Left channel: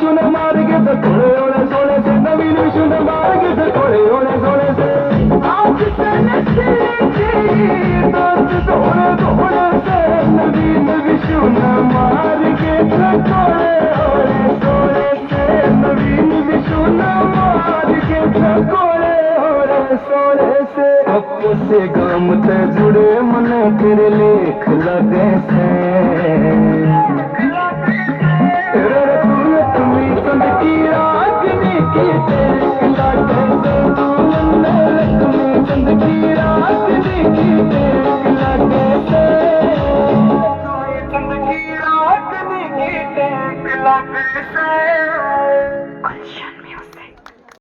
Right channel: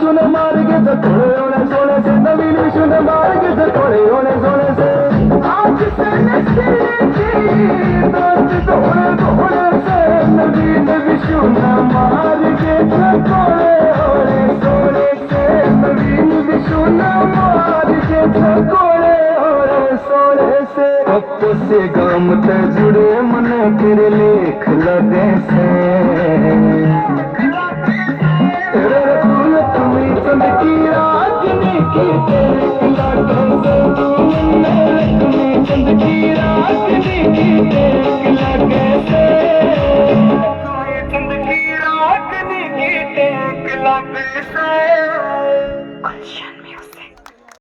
शून्य मार के थोड़े होने सोने से नबी ने शून्य मार के थोड़े होने सोने से आज से थोड़े थोड़े से नबी ने भी शून्य मार के थोड़े होने सोने से नबी ने भी शून्य मार के थोड़े होने सोने से अब से गम ते जुड़े मन तेरे लेख लगे से की राजनीति देख लगे से तूने रखनी चंद की राजनीति देख लगे से चंद की राजनीति देख लगे से